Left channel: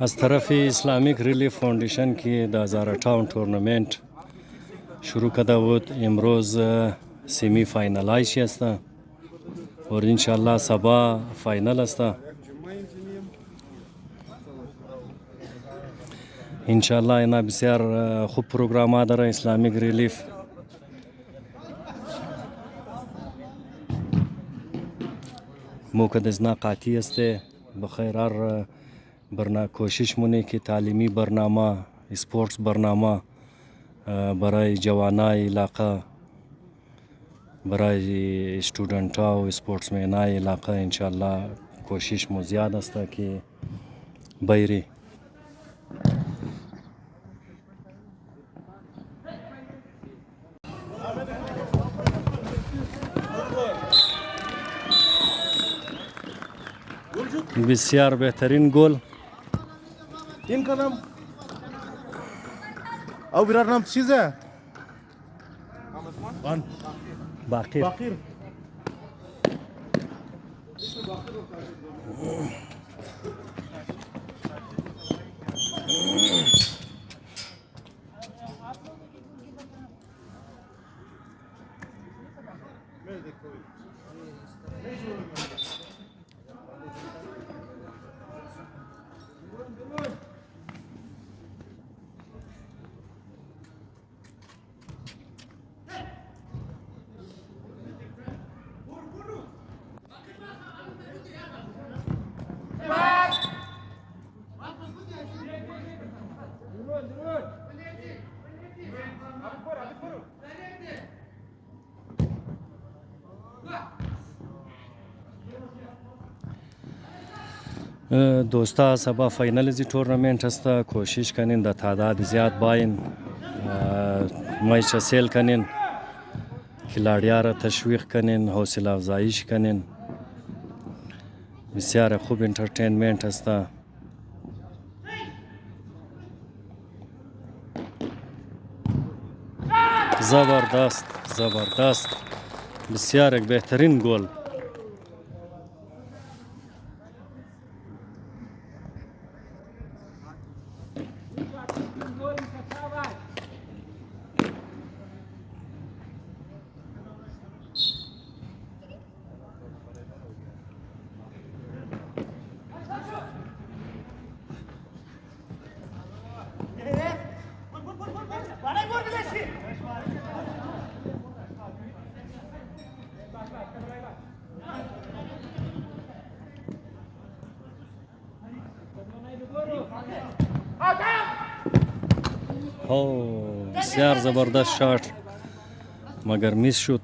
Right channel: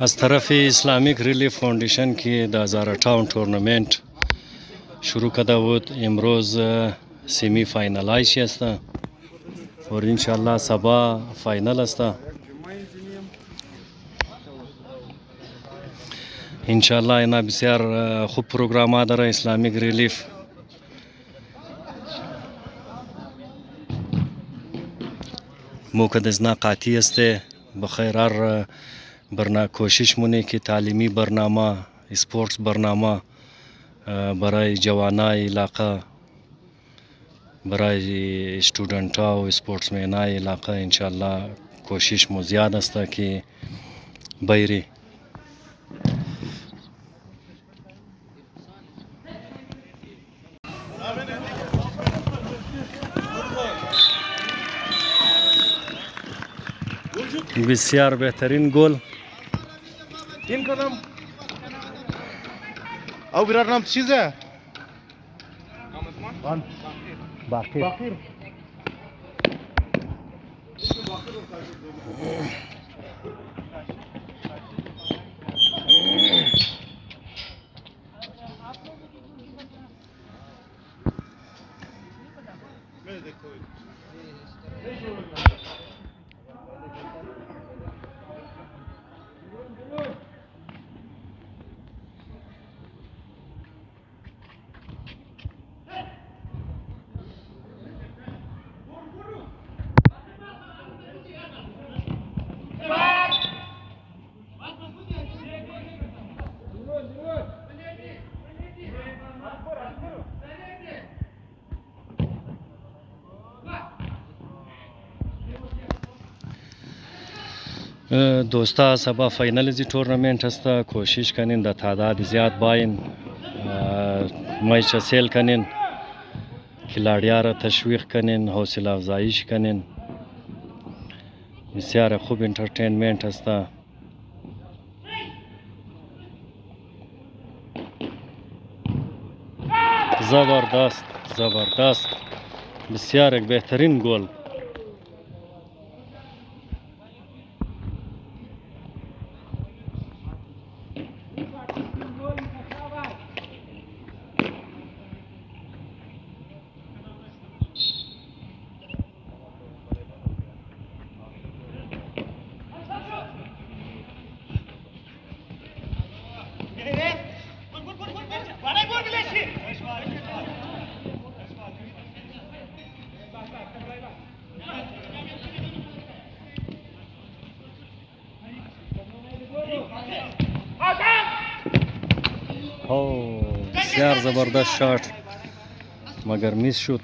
از طرف اسلامیک ریلیف فاوندیشن که 2058 تورنمنت شروع کرده بود، امروز سیمی فاینالایش است و انشالله صبح فاینال است. انشالله اینا بسیار خوب پروگرام داره اسلامیک ریلیف. موقع ازنا قاطی است بخیر هر کوشش مونه که تعلیمی برنامه اسپورتس برنامه برای جوانای علاقه، برای استودنت ها و اسپورتسمن های علاقه انشالله کوشش مو زیاد است که بیری. بسیار بهترین گل این کدام او برای نام چیزه باقی دوستا صبح فاینال زی تورنمنت است. کوشش کنین در تعداد زیاد باین میچ سیل کنین، کلاڑیا را تشویق کنین، حوصله افزایش کنین. بسیار خوب انترتینمنت است. زبردست زبردست، بسیار یک بهترین گل. بسیار زبردست شات مگر میس شد.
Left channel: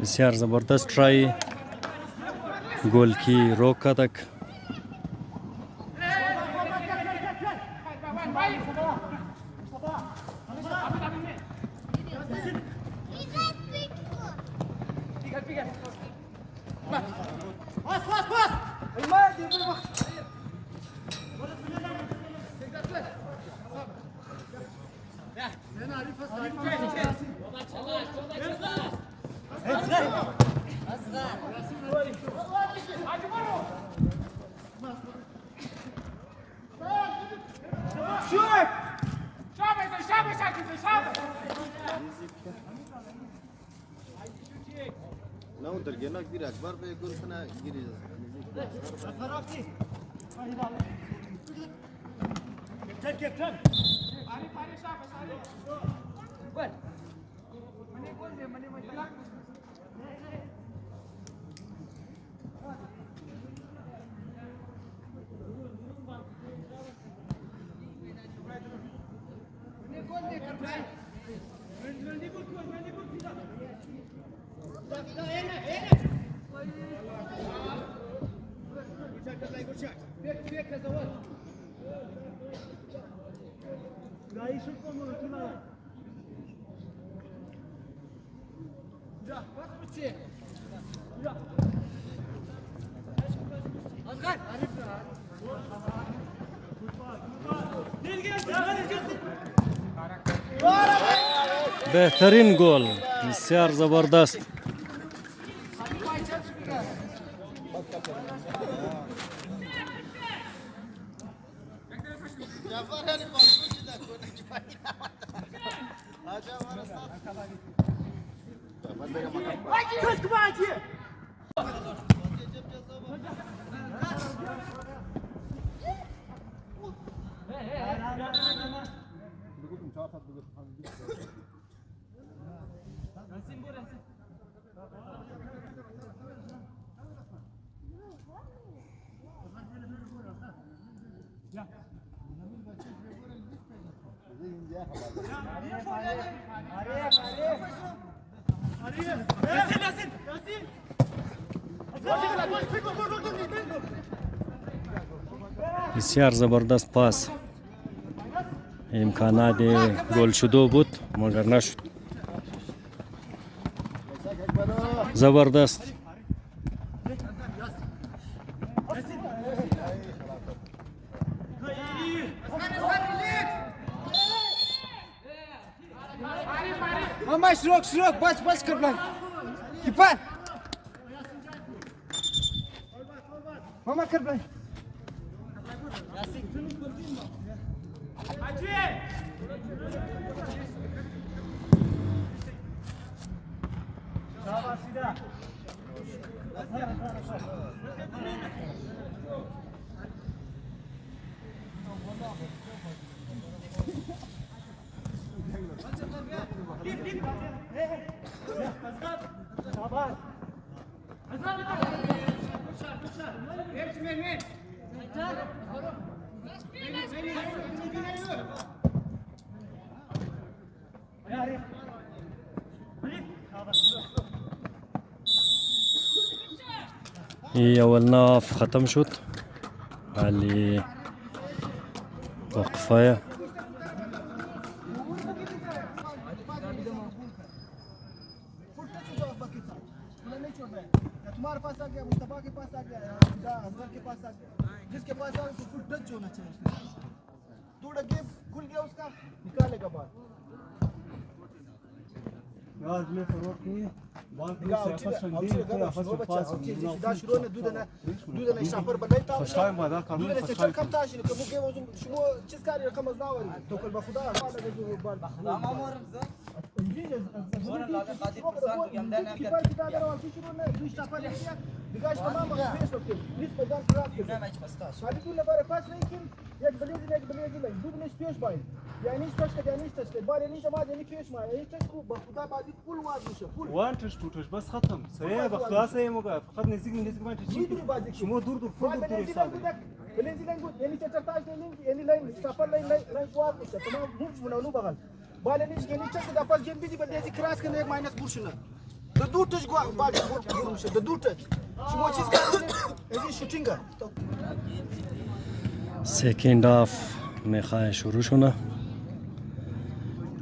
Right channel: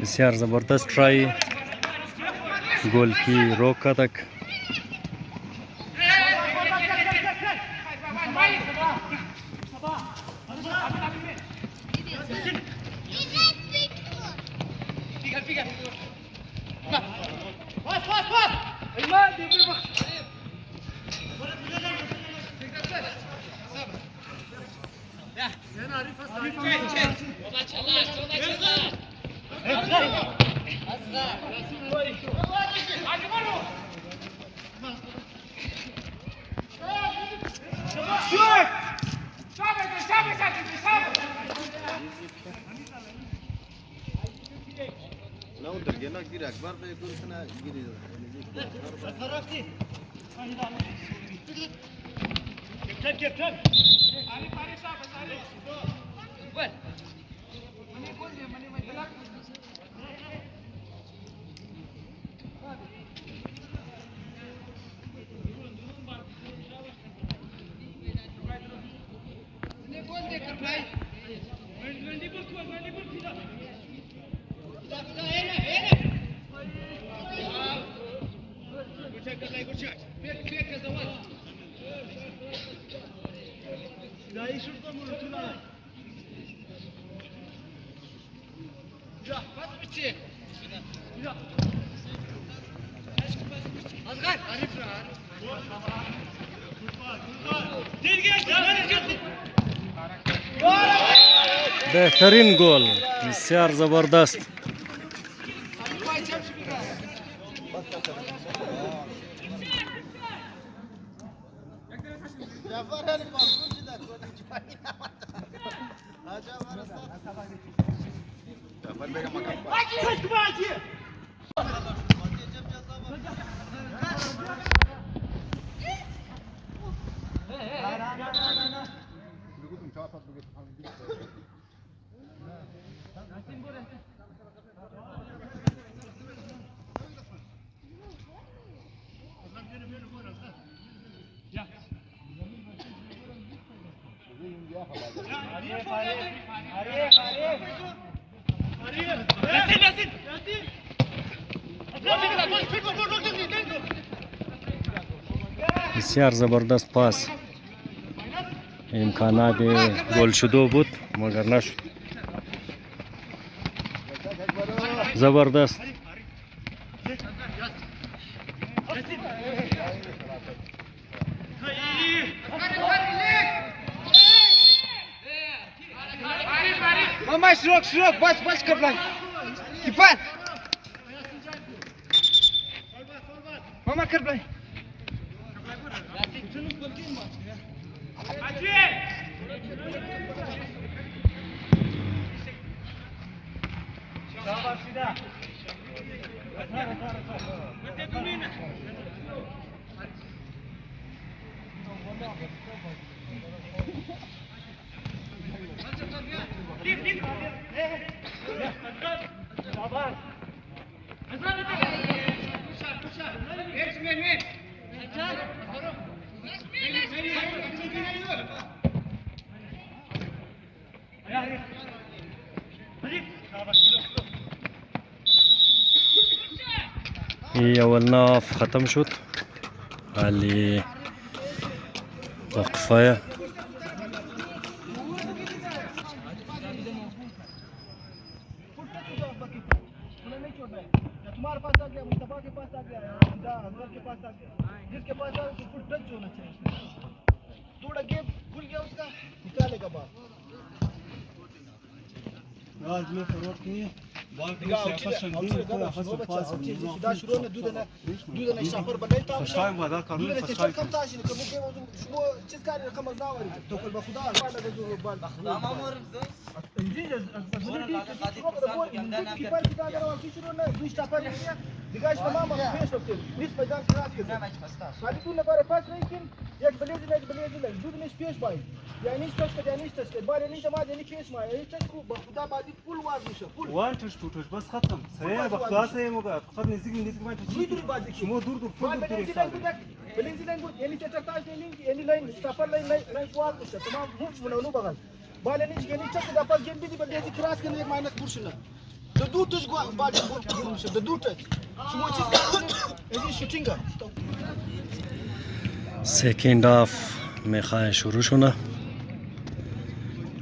بسیار زبردست ट्राई गोल की रोका तक بهترین گل، بسیار زبردست. بسیار زبردست پاس، امکانات گل شدو بود مگر نشد. زبردست. Mama şurok baş kaplan. Kipan. Mama kaplan. هي اول ناف ختم شد علي وقفاية. तुम्हारे पास आ गया, मुस्तफा के पास आ गया, फिदा अजहर के पास आ गया, जिसके पास आ उसको फुल टच होना चाहिए। थोड़ा गेप खुल गया उसका, निकालेगा बाल। आज में फॉरवर्ड किए बाल को निकाल से आपस में वो बच्चा सीधा शुरू ने दूध ने शापर बनाता है फर्स्ट टाइम वादा कानून दूध ने फर्स्ट चल कम ताश ने कभी के वो चीज का रकम मजदावर तो कल बखुदा बाल लगा जो बाल जी ability कीपर की तरह और शुरू ने दूध शापर ने किया दिगाज तमाम फेस होते बीच मैदान क्रॉस के खाली तू ने बारे पास नहीं किन एक बलेज नहीं दूध ने space by yani hiç taş bari ne zaman yani kesme yani taş ku bخدا بازی فول وازشه فول وان تش توش بس ختم سير بخلاص هي مو فقط نزيق ما تجي دور بازی شمو دور فول دور بلنزلنگو yani çetertaş yani line stopper line وازشه tamam hiç bunu bagal bari hiç yani taş da pas geldi baldezi cross kan ek minus burşuna da dur taş bari vurmuş da dur taş şumo çiz kan yani shooting second half में खाए शुरू होना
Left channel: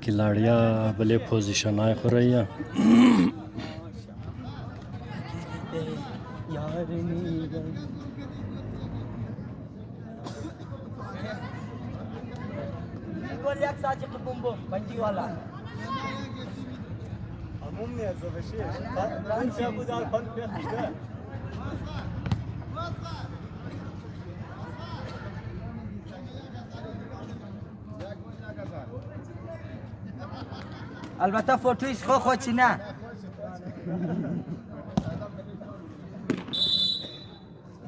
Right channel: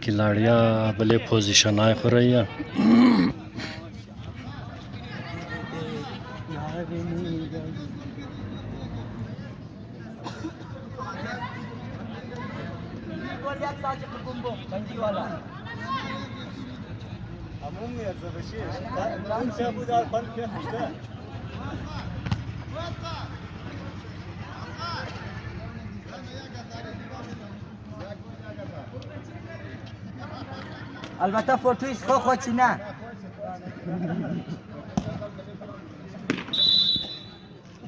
खिलाड़िया भले पोजीशन आए हो रही है. البته فوتویش خود نه.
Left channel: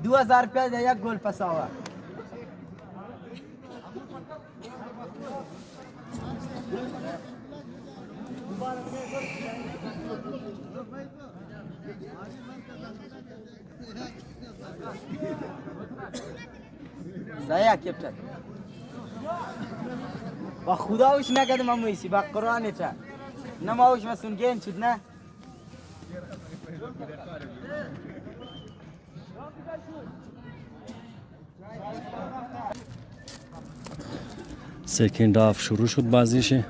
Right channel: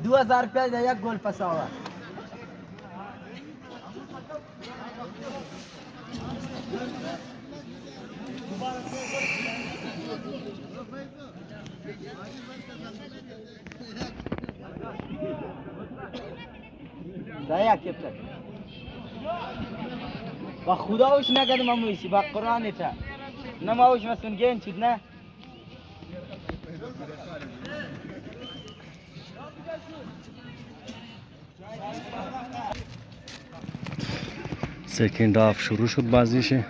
$2000 ده یک گل پس آورد. صحیح کپتن. با خدا وش نکردم امویسی با قرآن تا نماوش مسون گین شد نه. سکند هاف شروع شد بازیشه.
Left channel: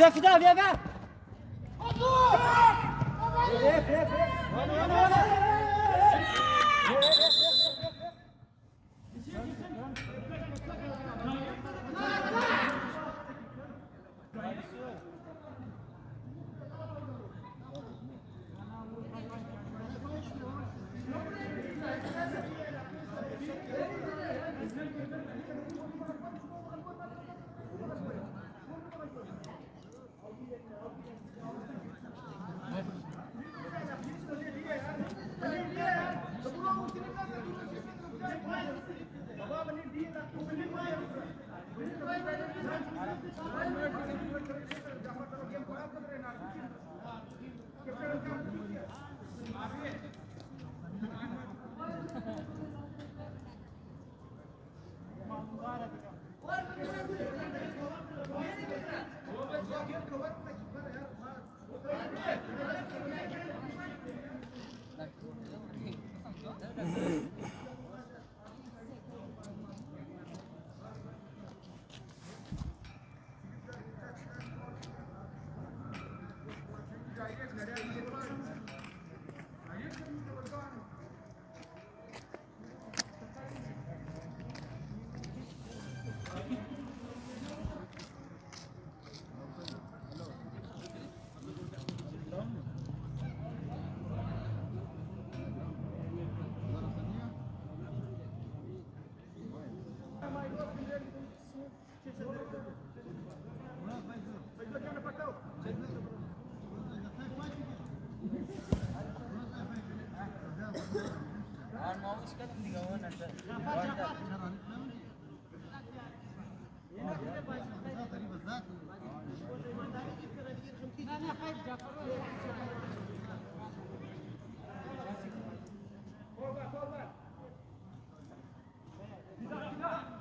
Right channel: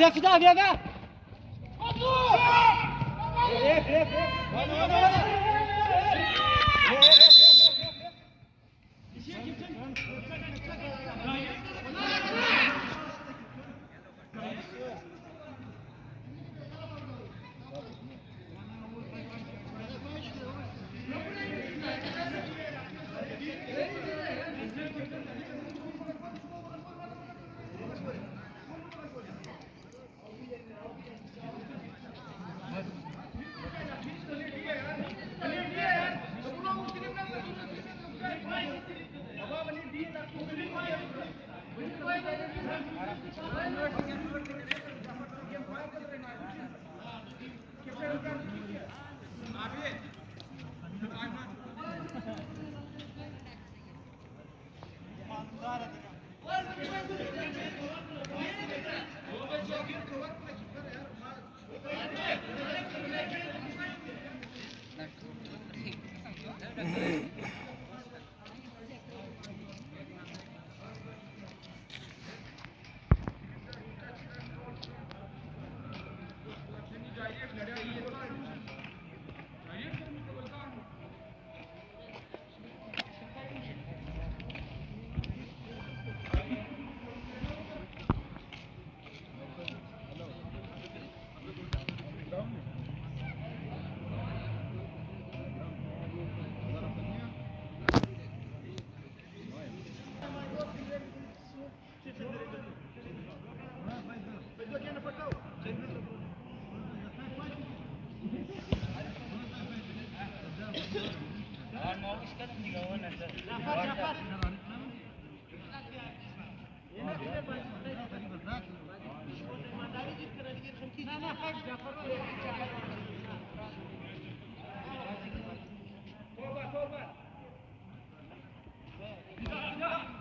Viens, Fida, viens, viens.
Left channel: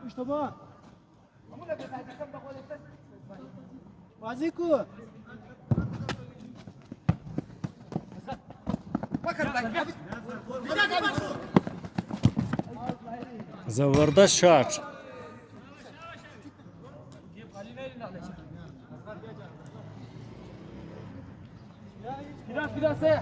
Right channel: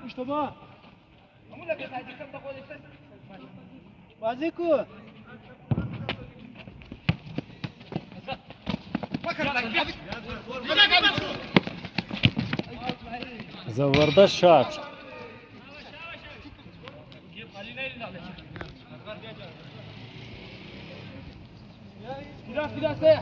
اشتباه بازی کو زبردست شات. biraz se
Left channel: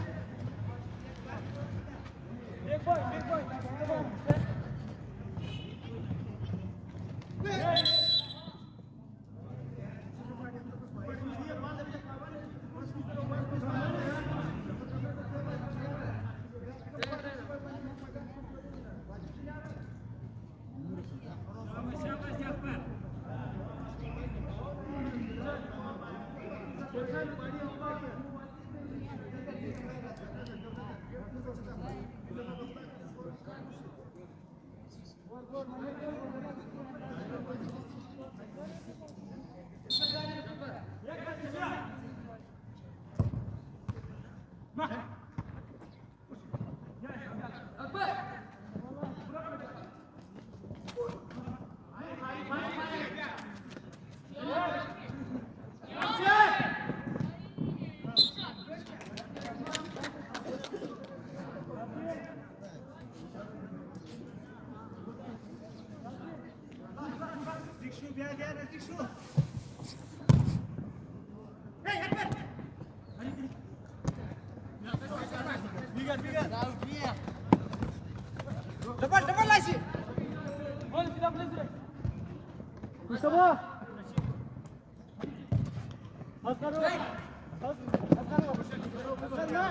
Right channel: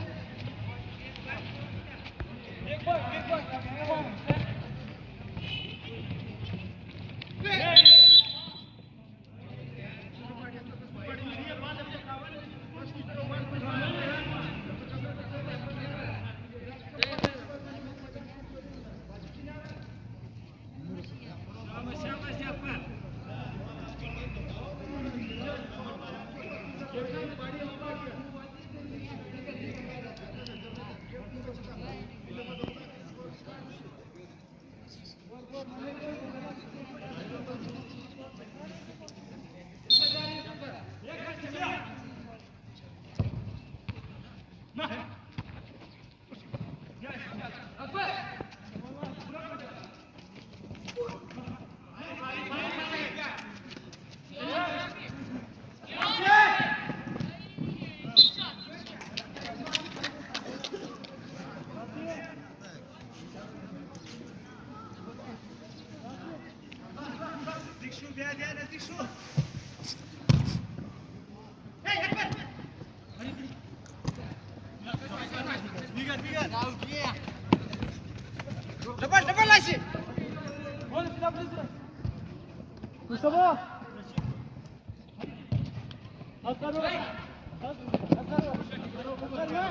اشتباه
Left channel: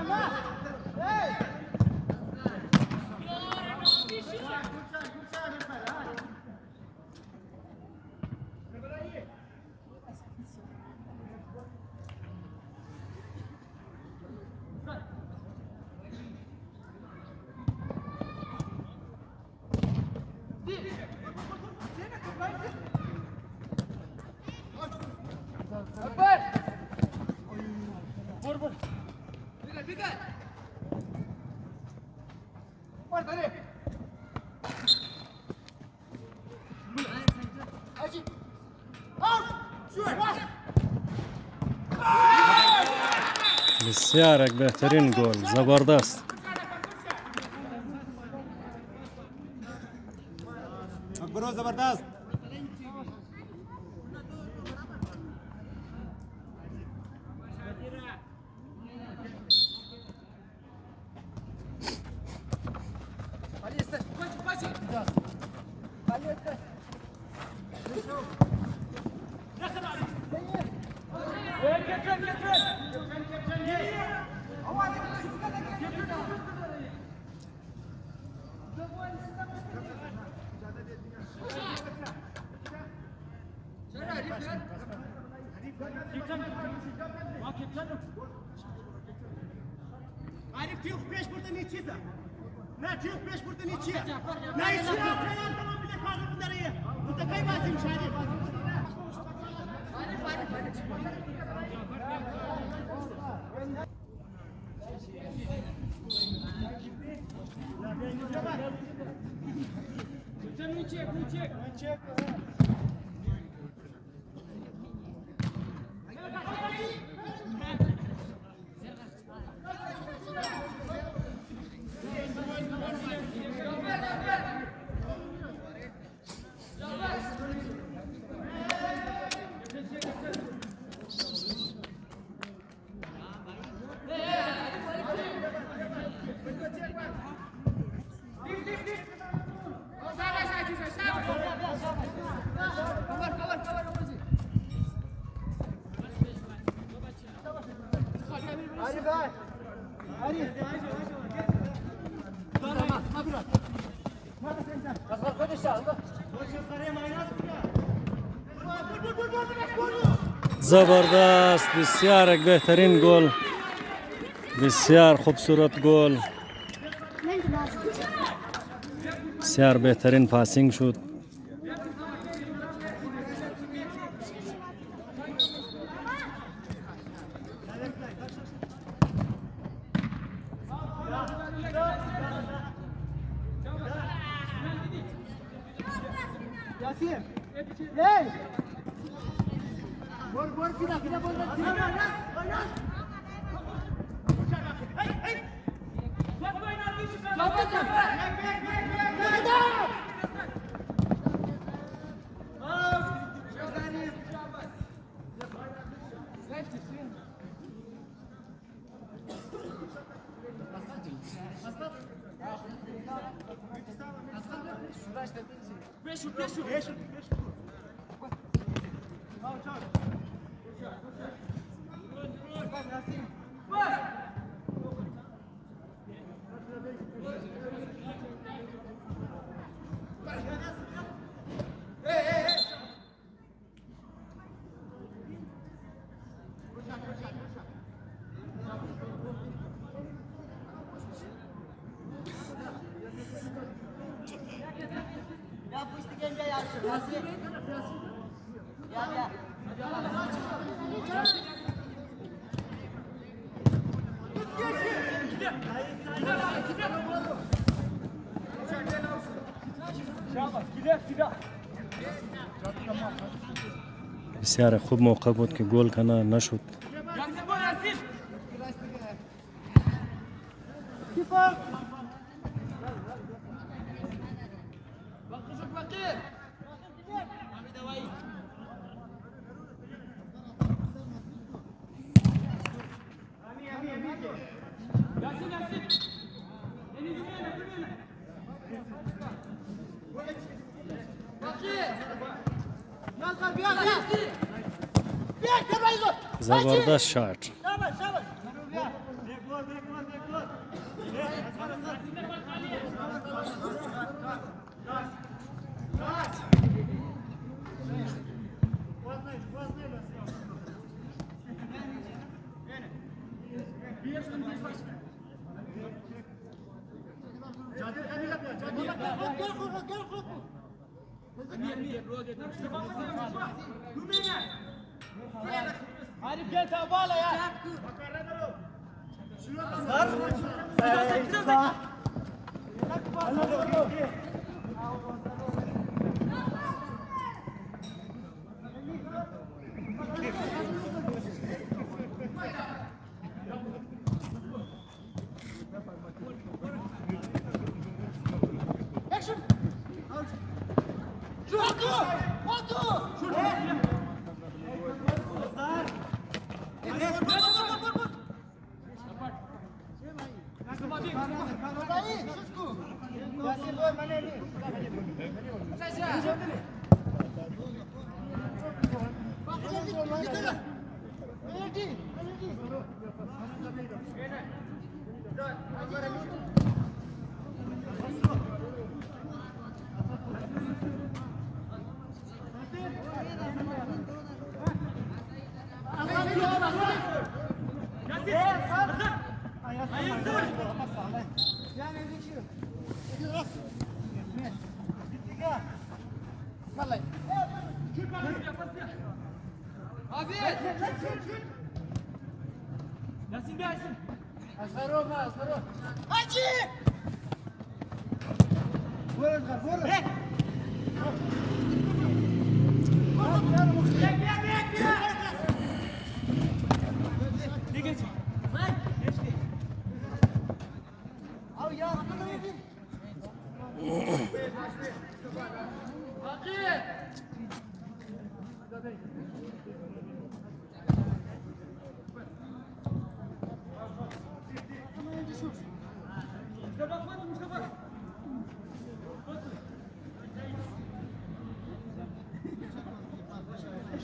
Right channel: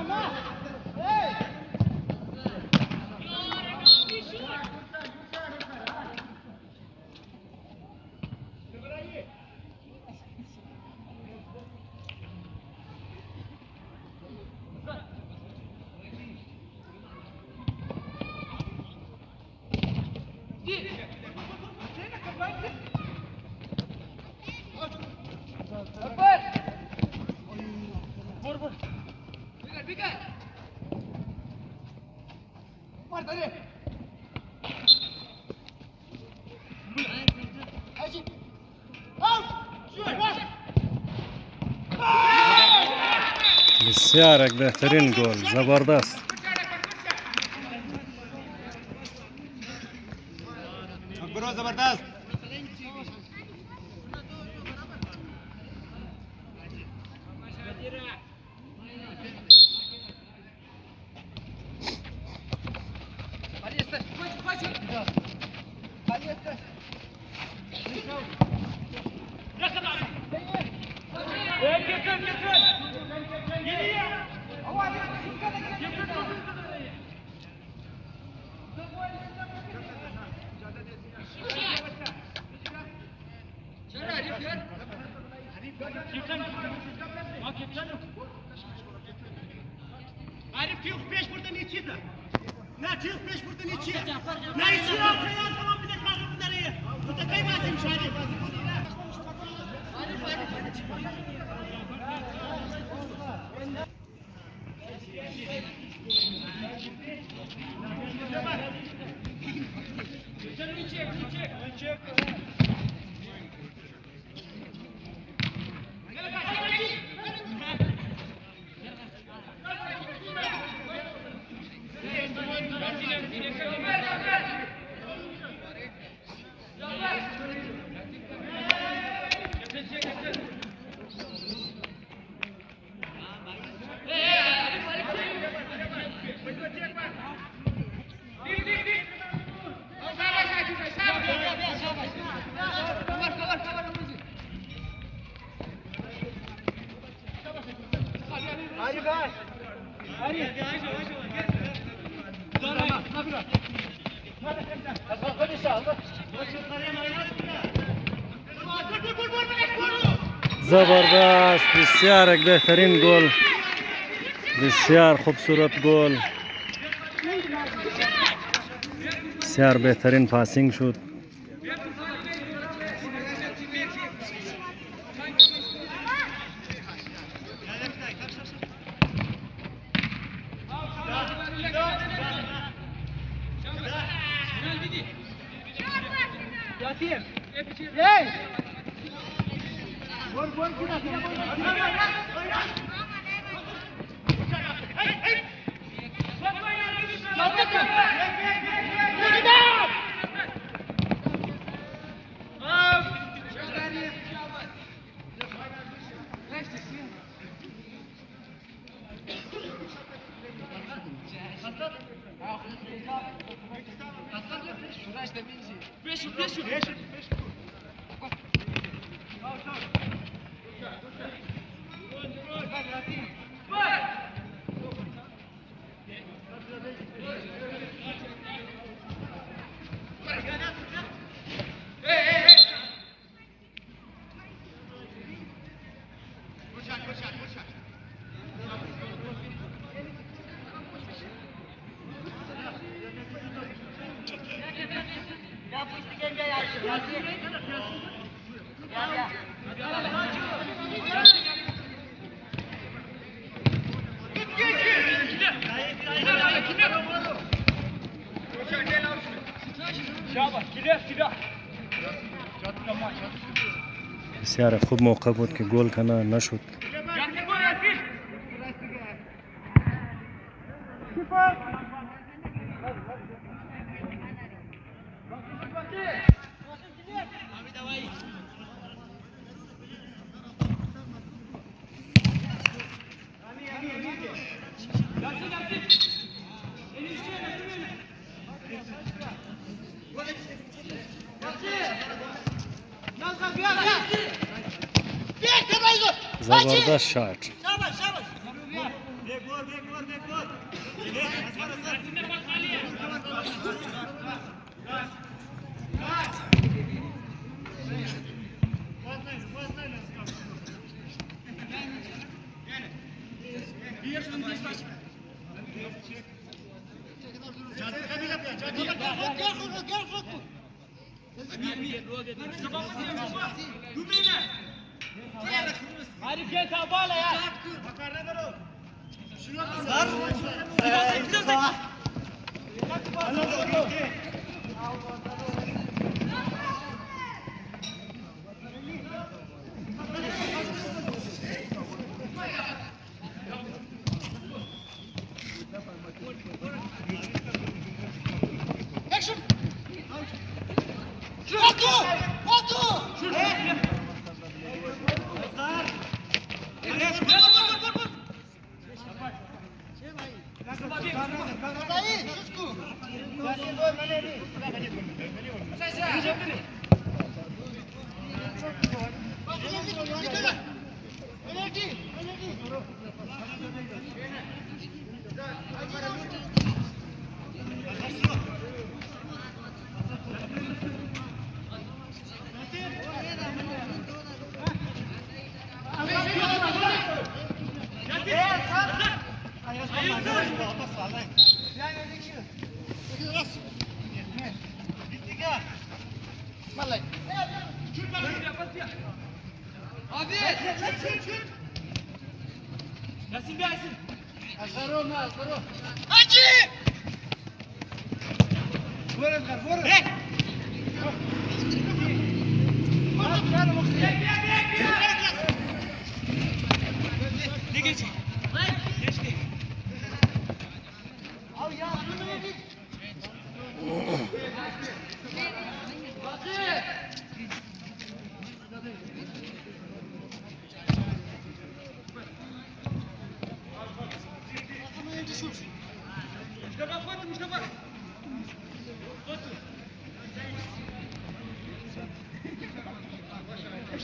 ما بسیار بهترین گل. زبردست. برو زبردست. عارف تیغ پیش بردن چیزه نه تیغ پیش بردن چیه نه چیه آخرین تمام بدك ما غير بدريه انت كيف ما تمشي هذه زبردست، بسیار یک بهترین گل، بسیار خوبصورت گل، بسیار بهترین پاسینگ شد. بسیار خوب موقع بود که گل کنه، نشد. زبردست شات. Arif gel tabala ya.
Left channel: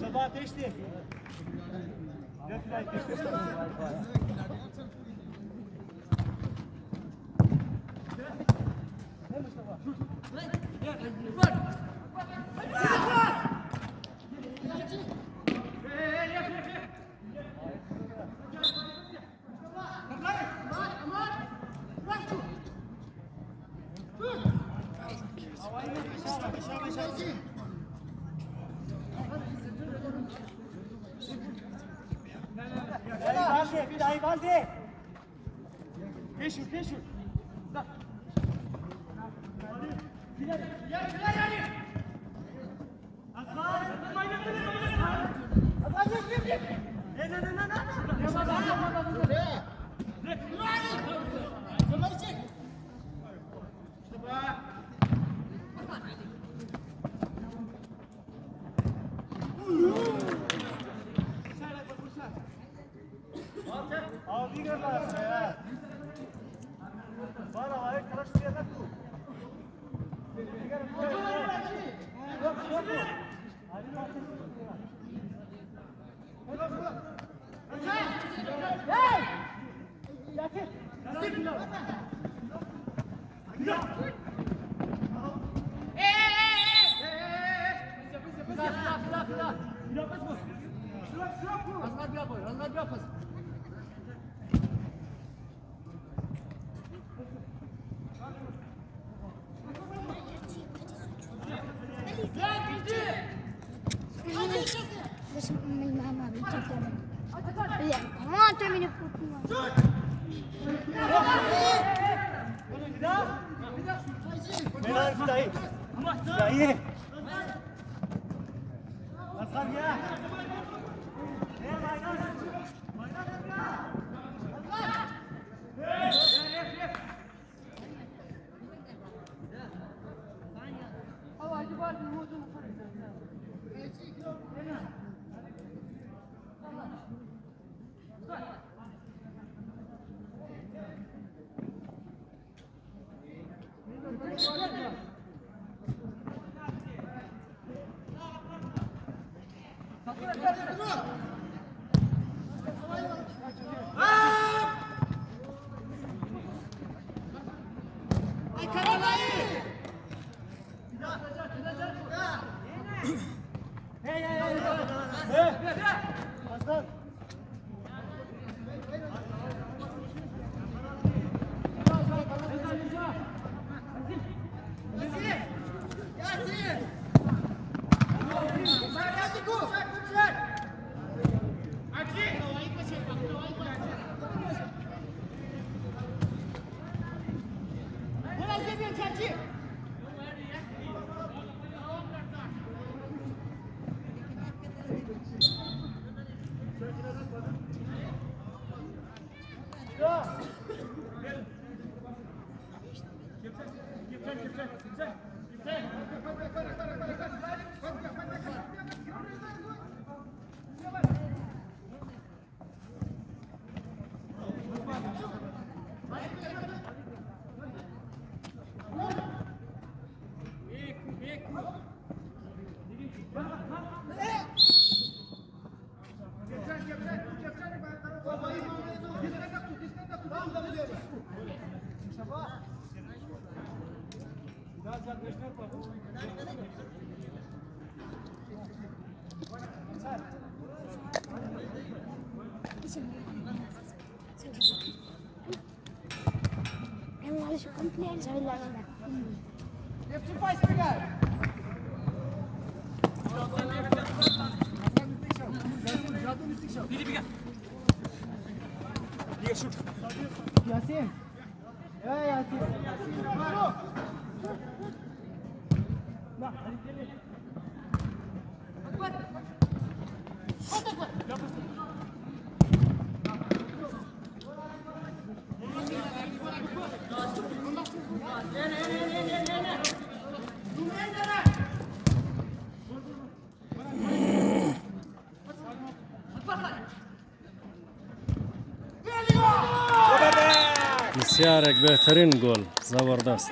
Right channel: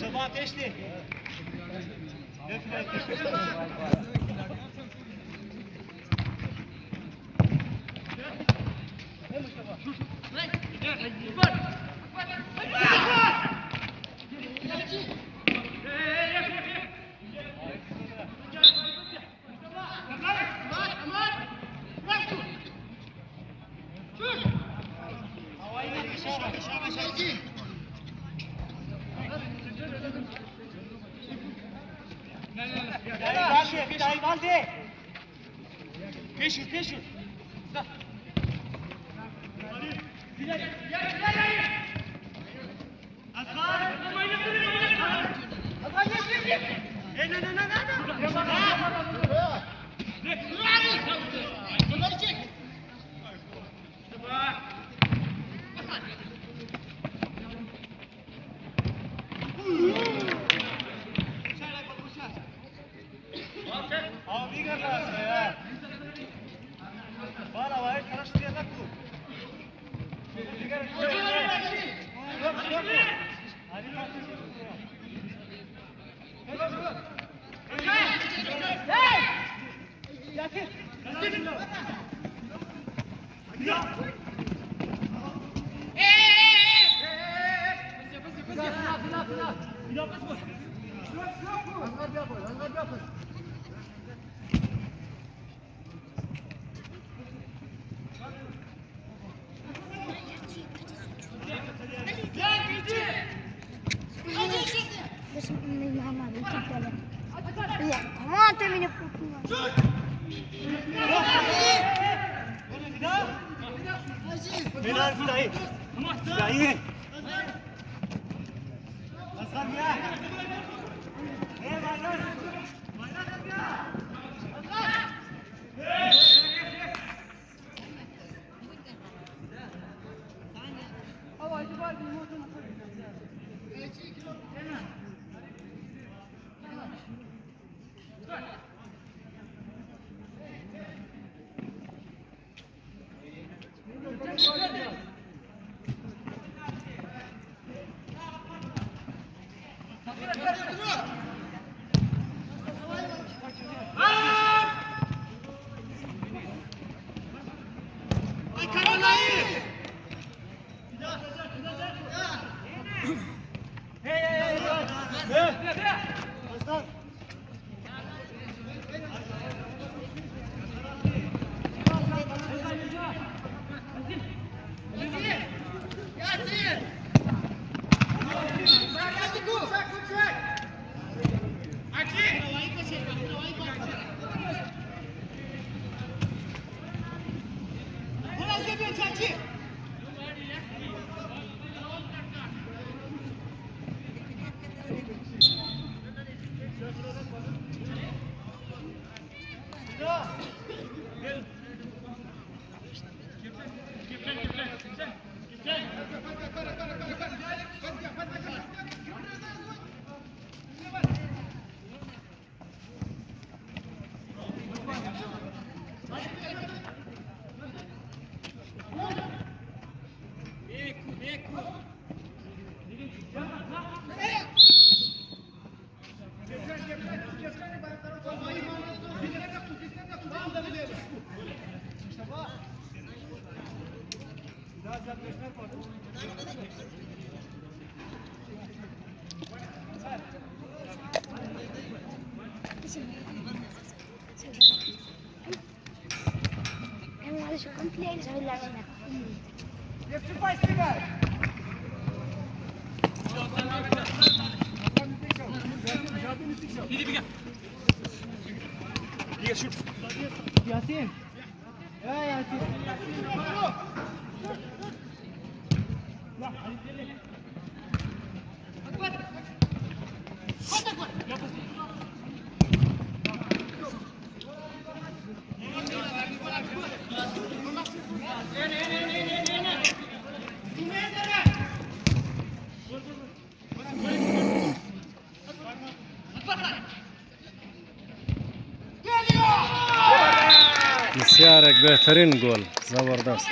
Şabat geçti. بس ما بيتكلم لا ما تعمل أنا شو كومبلين سوي لنا Yasin. Ya Yasin. بسیار یک بهترین گل زبردست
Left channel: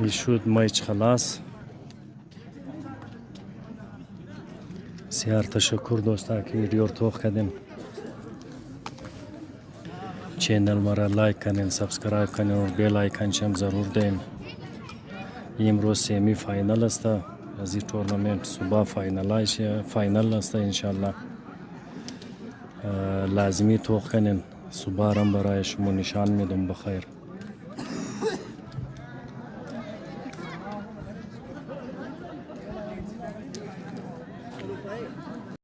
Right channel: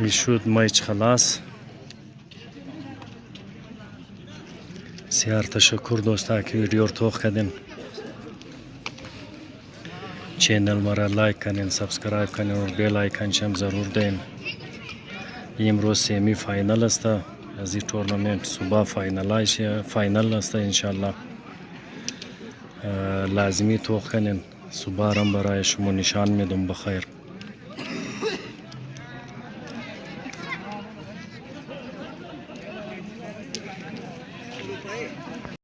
يشود مايش خلاص. بسیار تشکر دوستا که ویدیو رو توخ کردین. چینل مرا لایک کنین، سابسکرایب کنین و بیل آیکن هم ضرور دین. امروز سیمی فاینال است از این تورنمنت. صبح فاینال است انشالله. لازمی توخ کنین. صبح هم برای شما نشان میدم بخیر.